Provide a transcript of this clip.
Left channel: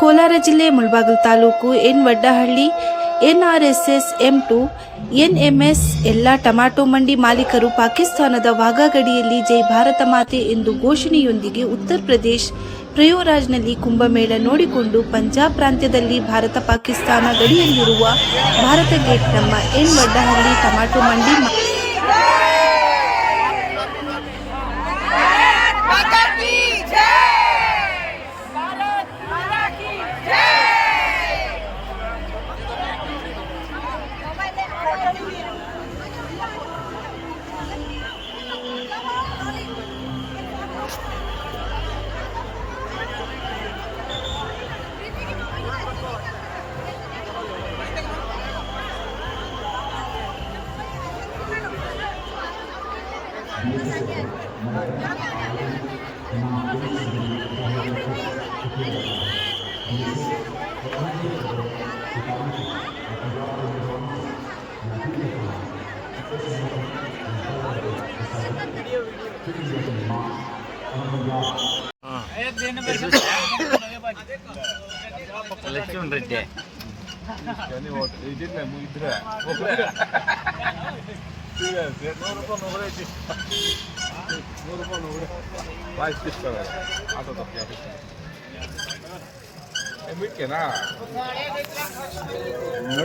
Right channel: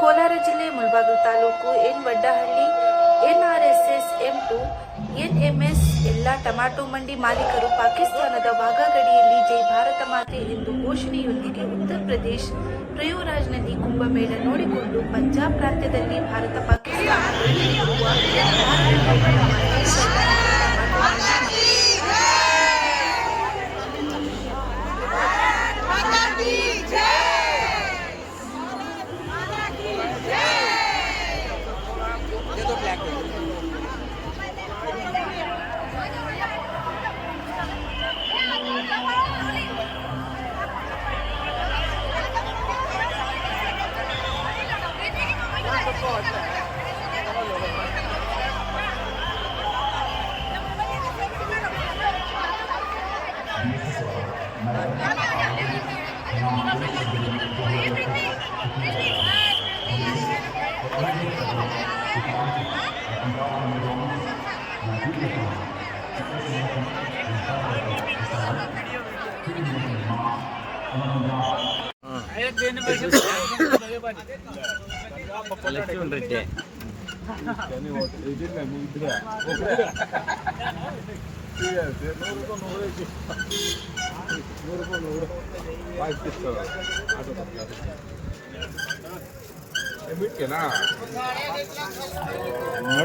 ಕೋಲಾರ ಜಿಲ್ಲೆ Mulbagal taluk N Vaddahalli NRSS M2 NMS ಎಲ್ಲ tomato ಮಂಡಿ ಮಾಲೀಕರು ಪಾಕಿಸ್ತಾನದ ವಾಘಾ ಗಡಿಯಲ್ಲಿ ಜೈ ಭಾರತ ಮಾತೆ ಎಂದು ಘೋಷಣೆಯೊಂದಿಗೆ ಉತ್ತರ ಪ್ರದೇಶ ಪ್ರಯಾಗ್ರಾಜ್ನಲ್ಲಿ ಕುಂಭಮೇಳ ನೋಡಿಕೊಂಡು ಪಂಜಾಬ್ ಪ್ರಾಂತ್ಯದಲ್ಲಿ ಭಾರತ ಪಾಕಿಸ್ತಾನ ಗಡಿಯಲ್ಲಿರುವ ಭಾರತ ಗೇಟ್ ನಮ್ಮ ಎನ್ ವಡ್ಡಹಳ್ಳಿ ಟೊಮ್ಯಾಟೊ ಮಂಡಿ ¿100